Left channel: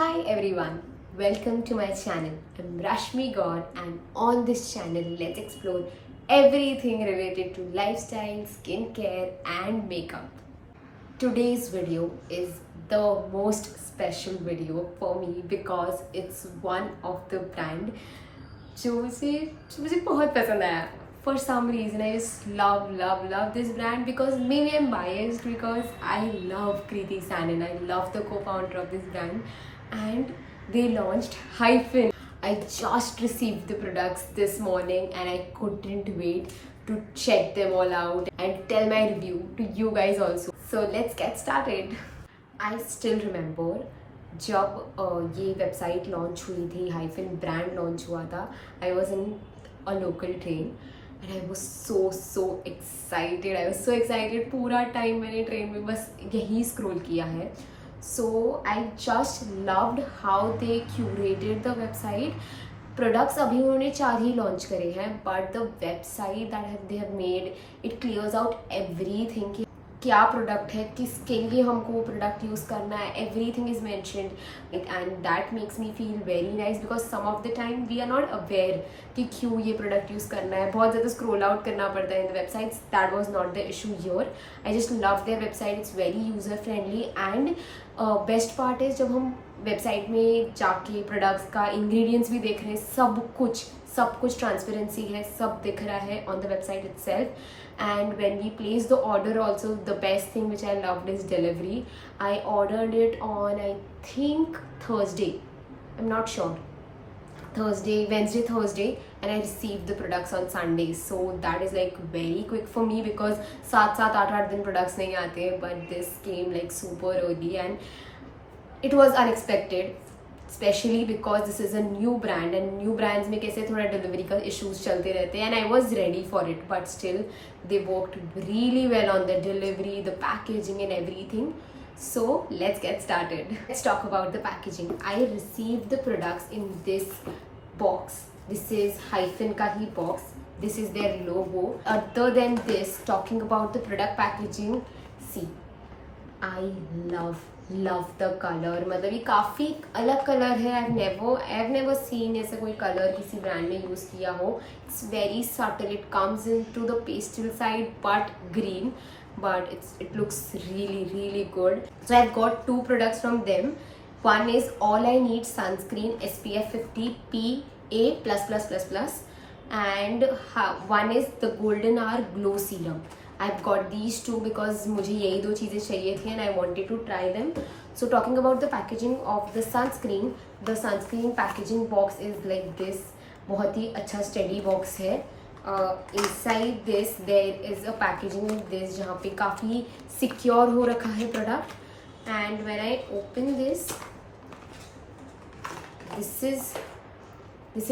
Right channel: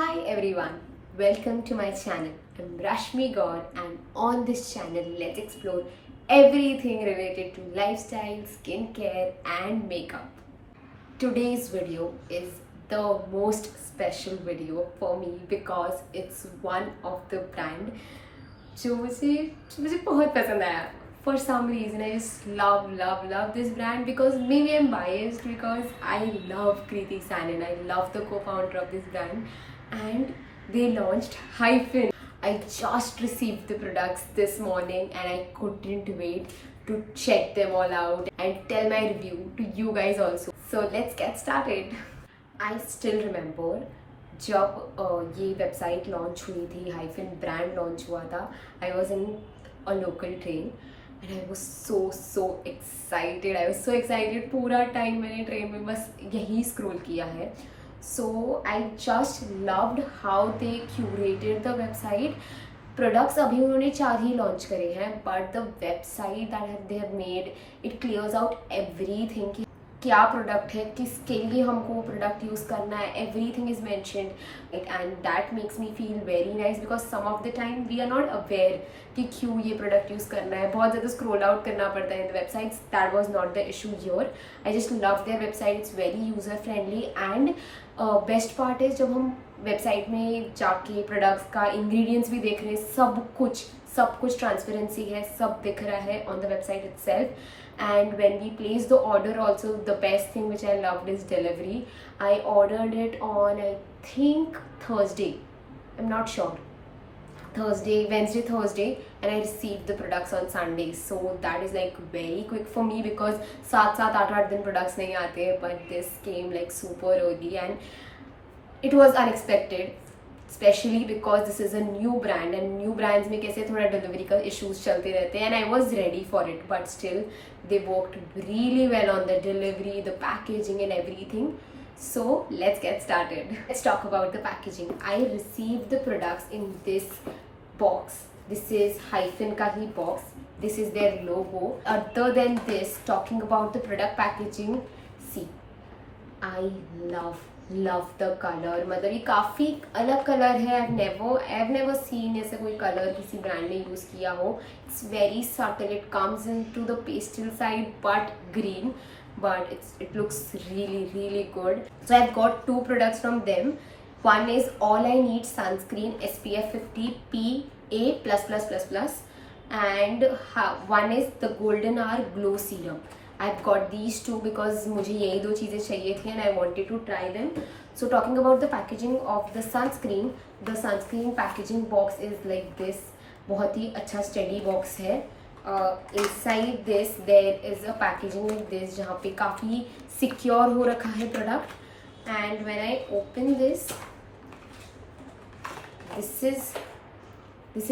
Hi everyone, welcome to my channel. I'm Rashmi Gaur and on this channel let's explore everything related to lifestyle, skincare and makeup. Today's video is the most special video for me because it's one of the brand जो मुझे बहुत पसंद आया. For some reason I just love this brand because maybe I'm biased because I love Kriti Sanon. I love the co-founder of this brand and they launched Hyphen. I just received the products this morning and I couldn't wait to check them all out and tell my review to you guys also. So let's get started. I still remember जब ये website launch हुई थी, hyphen brand launch हुआ था. I was in a local train and I was so excited. पूरा time मैंने train में बस यही स्क्रॉल किया है. So I just loved how they curated the website. Products अभी उन्होंने 4 ही लॉन्च करे हैं but the website that they have made it clears out everything. क्या प्रोडक्ट है, किसके लिए हमको वो प्रोडक्ट यूज़ करना है, everything is mentioned it and that makes me feel very nice because some of the time we are not aware कि क्यों ये प्रोडक्ट यूज़ करना है. बहुत ज़्यादा स्क्रॉल आउट करना पड़ता है in the websites. That was not the issue here. I just love their website. It's very user friendly and best part is जब हम वेबसाइट में जाके प्रोडक्ट्स का इंग्रेडिएंट्स भी देख रहे हैं, सब कुछ ट्रांसपेरेंसी है, सब दिख रहा है on the website itself. And when we place the order also, the best thing which I loved is delivery. I ordered it on I think Thursday, I'm not sure, Wednesday Thursday and I received the products on Sunday. So that is like very quick for me because 7-8 दिन products नहीं आते, but this came like super early and it was unexpected. Specially because this is a new brand and new brands में कैसे थोड़ा delivery का issues चलते रहते हैं and I was ready for it but still they worked really well on the delivery, the packaging and everything. So let's get started. Let's talk about the packaging. I receive the products in this box. This is Hyphen का ही box. This is their logo. Other then this, talking about the product packaging, see I love the colour. मतलब ये काफ़ी अलग colour है. I never seen ऐसा कोई colour किसी ब्रांड में यूज़ किया हो. It's very subtle. It comes into the pastel side but green, but it looks really good. So I've got 2 products from them. One is All I Need Sunscreen SPF 50 PA++++, and one is the Golden Hour Glow Serum. I've got these 2 because मुझे यही 2 चीज़ें चाहिए थी and I wanted to try them. So talking about the packaging of the sunscreen packaging box is like this. बहुत ही अच्छा steady box है. Inside this there is a packaging like this जहाँ पे काफ़ी secure हो रखा है product. And when I open this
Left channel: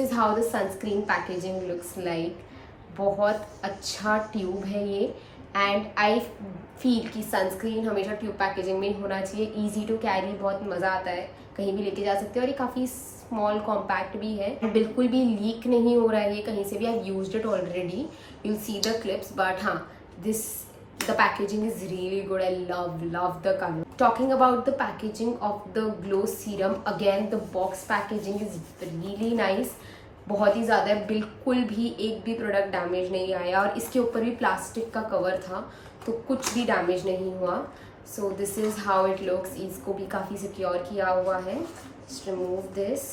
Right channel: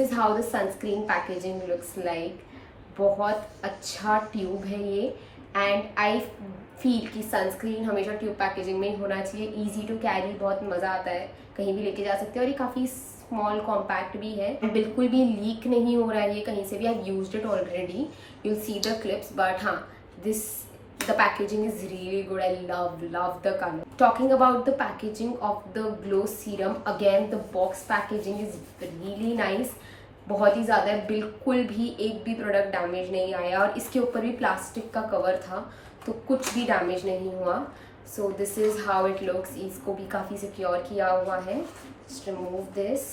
is how the sunscreen packaging looks like. बहुत अच्छा ट्यूब है ये एंड आई फील कि सनस्क्रीन हमेशा ट्यूब पैकेजिंग में ही होना चाहिए. ईजी टू कैरी, बहुत मज़ा आता है, कहीं भी लेके जा सकते हैं और ये काफ़ी स्मॉल कॉम्पैक्ट भी है. बिल्कुल भी लीक नहीं हो रहा है ये कहीं से भी. I used it already, you will see the clips. But हाँ, the packaging is really good. I love the color. Talking about the packaging of the glow serum, again the box packaging is really nice. बहुत ही ज़्यादा है. बिल्कुल भी एक भी product damage नहीं आया और इसके ऊपर भी प्लास्टिक का कवर था तो कुछ भी डैमेज नहीं हुआ. So this is how it looks. इसको भी काफ़ी सिक्योर किया हुआ है. Just remove this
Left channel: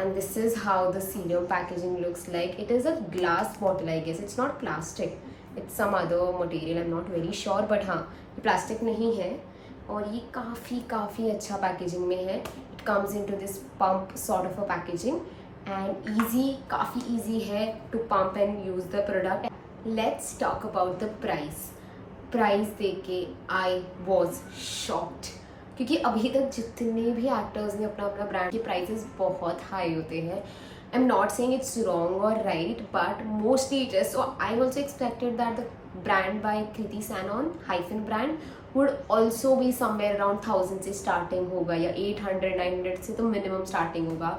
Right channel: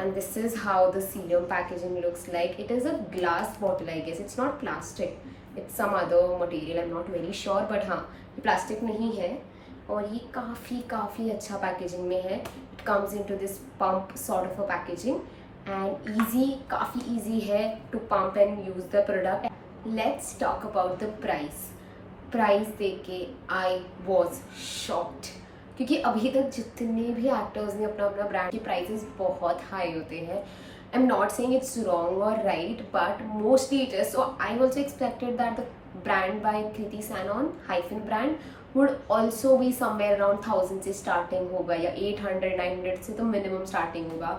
and this is how the serum packaging looks like. It is a glass bottle, I guess. It's not plastic. It's some other material. I'm not very sure, but हाँ, ये plastic नहीं है और ये काफ़ी अच्छा packaging में है. It comes into this pump sort of a packaging and काफ़ी easy है to pump and use the product. Let's talk about the price. Price देख के I was shocked. क्योंकि अभी तक जितने भी एक्टर्स ने अपना ब्रांड के प्राइसेस बहुत हाई होते हैं. I am not saying it's wrong और right but mostly it is. So I also expected that the brand by Kriti Sanon Hyphen brand would also be somewhere around 1000 से स्टार्टिंग होगा या 800-900 से तो मिनिमम स्टार्टिंग होगा.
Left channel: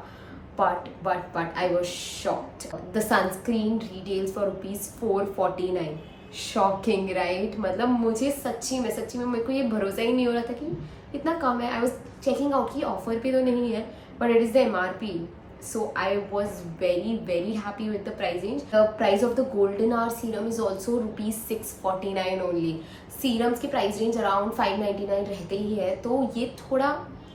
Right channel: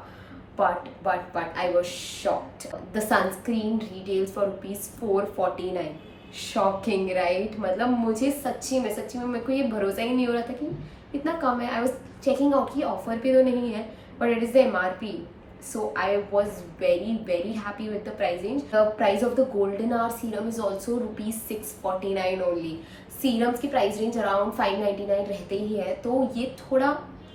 But I was shocked. The sunscreen retails for ₹449. Shocking right. मतलब मुझे सच्ची में मेरे को ये भरोसा ही नहीं हो रहा था कि इतना कम है. आई वॉज चेकिंग आउट की ऑफर पे तो नहीं है, but it is the MRP. So I was very happy with the price range. The price of the Golden Hour serum is also rupees 649 only. Serums की price range around 599 रहते ही है, तो ये थोड़ा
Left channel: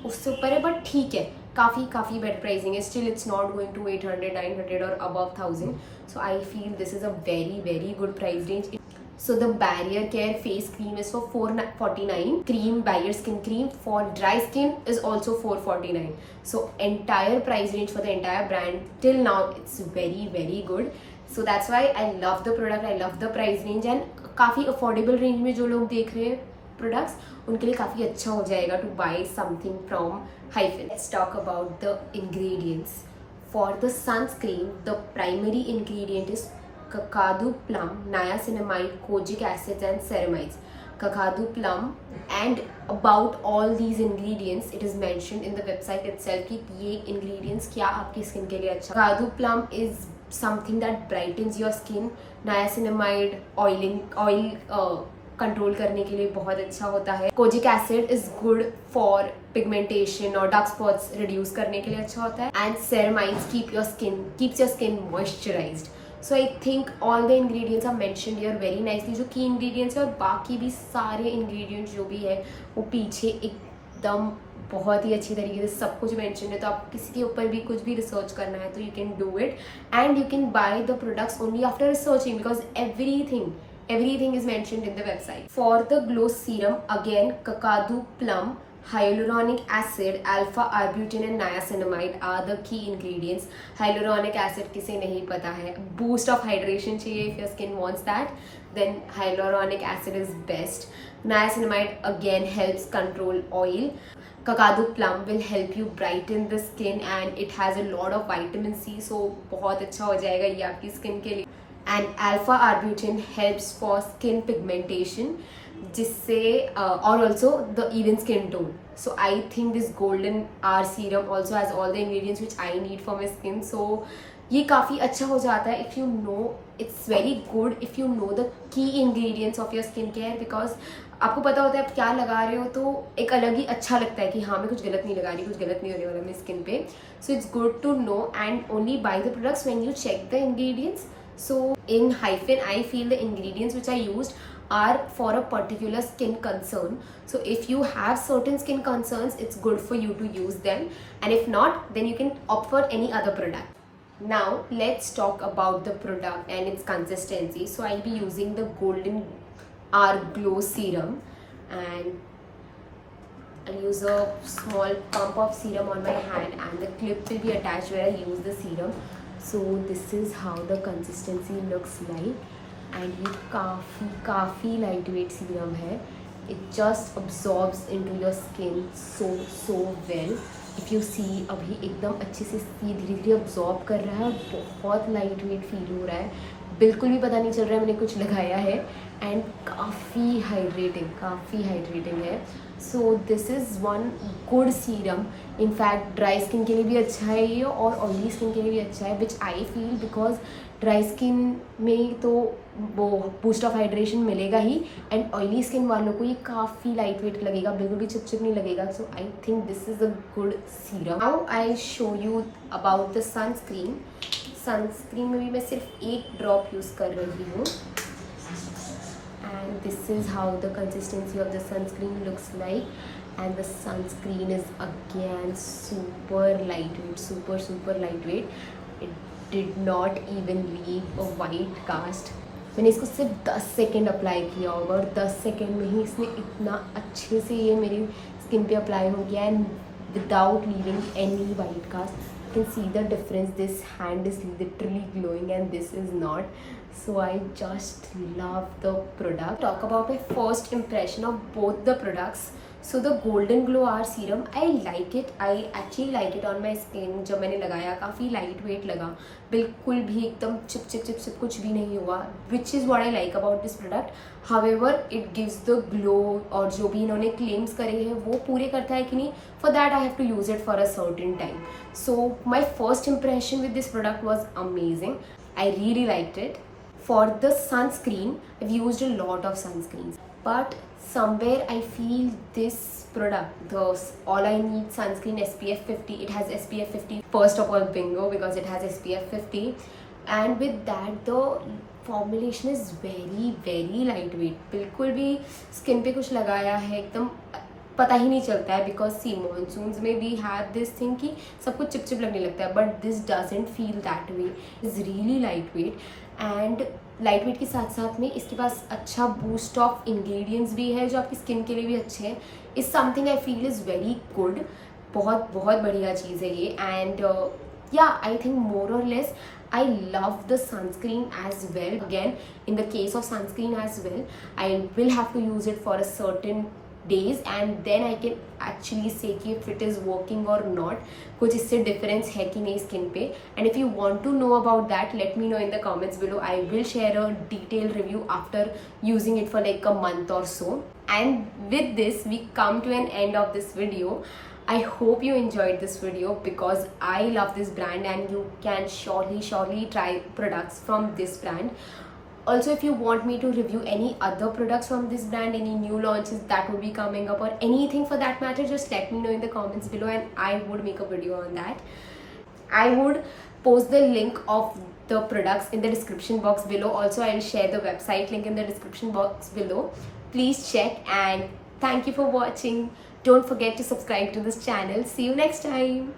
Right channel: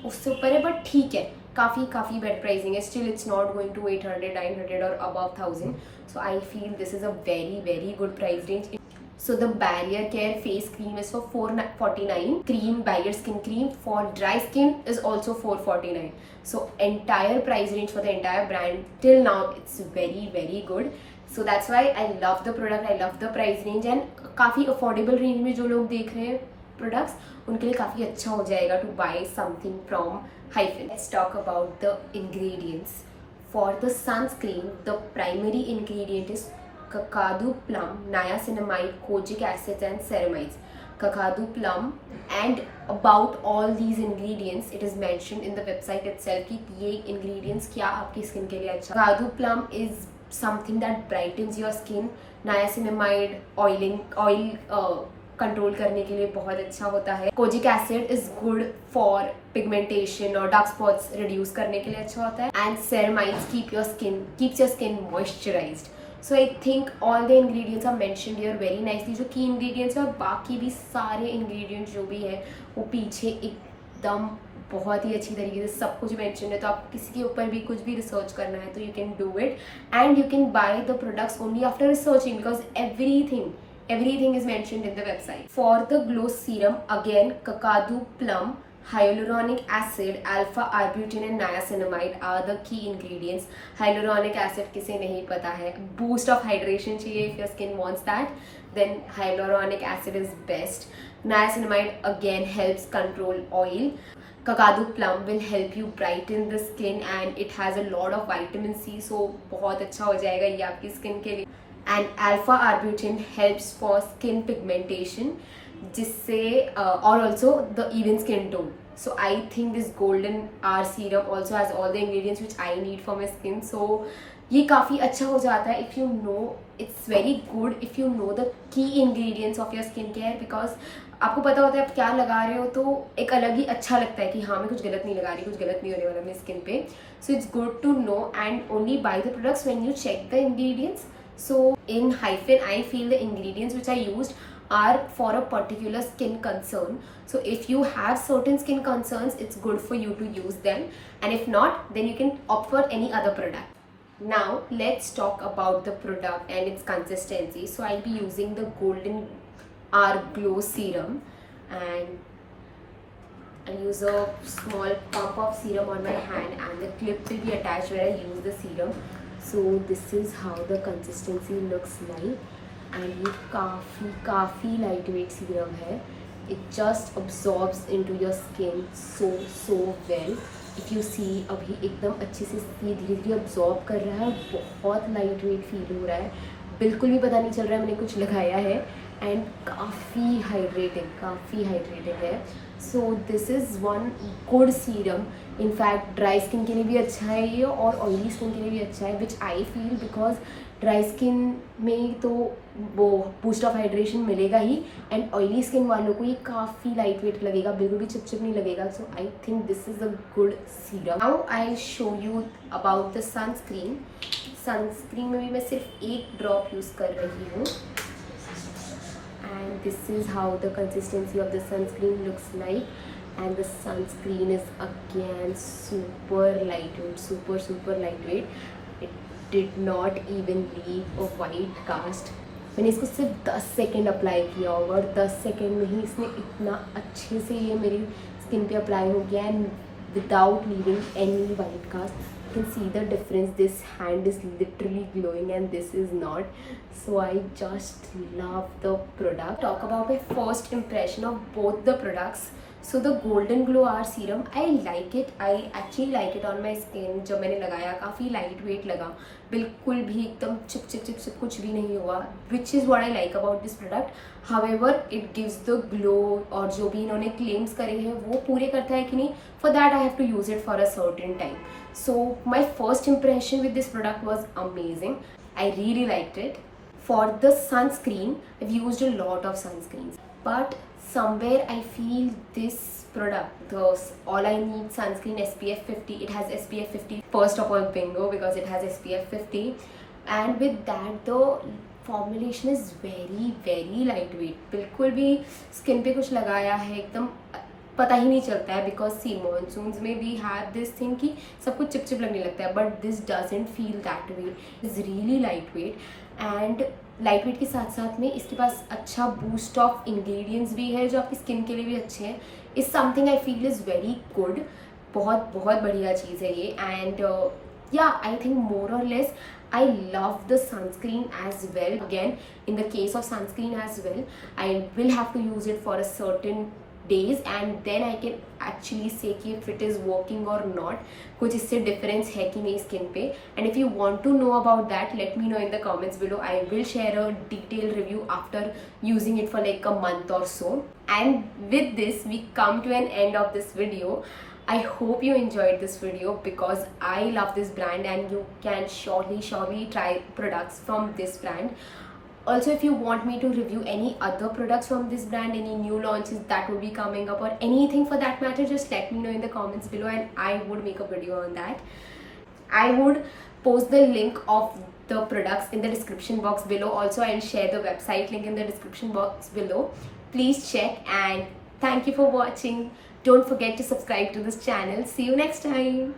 उससे ऊपर है, बट ठीक है, काफ़ी बेटर प्राइसिंग है. Still it's not going to 800 900 और above 1000. So I feel this is a very good price range. So the Barrier Care face cream is for 449. Cream, Barrier Skin Cream for dry skin is also 449. So entire price range for the entire brand till now it's very good. So that's why I love the product, I love the price range, and काफ़ी affordable range में जो लोग देख रहे हैं products उनके लिए काफ़ी अच्छा हो जाएगा to buy something from Hyphen. Let's talk about the ingredients. For the sunscreen, the primary ingredient is kakadu plum, niacinamide, kojic acids and ceramides. Kakadu plum, and about all these ingredients it is mentioned in the website itself कि ये ingredients क्या आपकी skin के लिए अच्छा. Kakadu plum is something that brightens your skin. Niacinamide oil control करने के लिए बहुत अच्छा होता है. Kojic acid is good for pigmentation और डार्क स्पॉट्स रिड्यूस करने के लिए अच्छा होता है. And ceramides keeps your skin moisturised. So I think all the ingredients are mentioned here very nicely. जो की इंग्रेडिएंट्स है और बाकी भी सारे इंग्रेडिएंट्स जो भी है वो पीछे एकदम बहुत ही अच्छी तरीके से सब कुछ मेंशन है. तो आप किसी के ऊपर भी कुछ भी रिसर्च करना है तो you can do it, and you can buy the products only after researching, because everything is mentioned in the website. For the glow serum, again kakadu plum, hyaluronic acid, alpha arbutin and niacinamide are the key ingredients. Hyaluronic acid किसे नहीं पता है, boost of hydration चाहिए. If your skin wants that, then hyaluronic acid is best. Niacinamide again helps control oil. Kakadu plum will help you brighten the skin and it has a lot of vitamin C, so बहुत अच्छा हो जाएगा ये आपकी skin के लिए. And alpha arbutin helps for skin pigmentation, जिससे और also the even skin tone. So I think this golden hour serum also has all the ingredients which I need for my skin. So ये काफ़ी अच्छा हो जाता है if you know. It's very good if you know the key ingredients of your skin care, because आपको पता होता है आप क्या लगा रहे हो, तो एक अलग ही अच्छा लगता है कि हाँ मैं कुछ गलत नहीं लगा रही, कुछ गलत नहीं होने वाला मेरी स्किन पे. So it's good to know and only buy the products when you check the ingredients. So in Hyphen, I feel the ingredients which I used are for a particular skin concern. So if you have certain skin concerns, it's good for you to use them, and if not, then you can opt for any other product. Now let's talk about the product and its consistency. So I'll be using the Golden Hour Glow Serum, and I'll use a small pump of serum on my hand, and the clip will be attached where I use the serum. So this is how the consistency looks like, and ये काफ़ी lightweight serum है. It just absorbs into your skin so well. If you see अभी एकदम अच्छे से धीरे धीरे absorb कर रहा है, बहुत lightweight feel हो रहा है, बिल्कुल भी पता नहीं चल रहा है मैंने कुछ लगाया है, एंड काफ़ी हाइड्रेटिंग है. So this is one good serum. In fact dry skin के लिए भी अच्छा है ये, और ऑयली स्किन के लिए भी अच्छा है, which I feel, because dry skin में तो वो बूस्ट ऑफ हाइड्रेशन मिलेगा ही, एंड ऑयली स्किन वालों को ये काफ़ी लाइट वेट लगेगा, बिल्कुल भी चिपचिप नहीं लगेगा. So I think this is a good serum. Now I show you about the sunscreen. Sunscreen में भी मैं सिर्फ एक ड्रॉप यूज़ कर रही हूँ, and this is how the consistency of the sunscreen looks like. And the sunscreen is again super lightweight, super lightweight. It did not even leave a white cast. मैंने इसको सिर्फ 10 सेकेंड अप्लाई किया होगा, और 10 second में ही इसने इतना अच्छे से ये मेरी स्किन पे अप्लाई हो गया, and without leaving any white cast. You can see the difference. This hand is literally glowing and this is not. So I just love the product. Talk about my first impression of both the products. So the Golden Glow Hour Serum, I like it. I actually like it on my skin. जब मैंने लगाया काफ़ी light weight लगा, बिल्कुल भी एकदम chip कुछ भी नहीं हुआ, which is what I like about this product. However, it gives the glow, और जो भी इन्होंने क्लेम्स करे हैं वो पूरे करता है कि नहीं, for that I have to use it for a certain time. So my first impression with this product was amazing. I really liked it. For the sunscreen, I've used a lot of sunscreens, but somewhere I feel this product, the All I Need sunscreen SPF 50, it has SPF 50, first of all bingo, because it has SPF 50, and with that the formulation is very very lightweight. बिल्कुल भी skin पे कुछ लगाया है एकदम पता ही नहीं चलता है, बिकॉज सी मानसून्स में वी हैव दिस थिंग कि सब कुछ चिपचिप लगने लगता है, but this doesn't feel that way, is really light weight. And light weight के साथ साथ में इसके पास अच्छा बूस्ट ऑफ इंग्रेडिएंट्स भी है जो आपकी स्किन के लिए भी अच्छे हैं. Is something I feel is very good. बहुत बहुत बढ़िया चीज़ है ये. एंड या आई थिंक मोर और less I love the sunscreen as well. Again, in the case of sunscreen as well, I will have to use it for a certain days and then I can actually say कि if it is working or not, कुछ इससे difference है कि नहीं skin पे. And if you want to know about that, let me know in the comments below. I will share a detailed review after using it for like a month or so. And with this, we come to an end of this video. I hope you enjoyed this video because I love this brand and you can surely try products from this brand. Also, if you want me to review any other products from this brand, any new launches that will be coming up or anything for that matter, just let me know in the comments below and I would make a video on that. I would post the link of the products in the description box below. Also, I'll share the website link in the description box below. Please check and thank you for watching. Don't forget to subscribe to this channel. See you next time.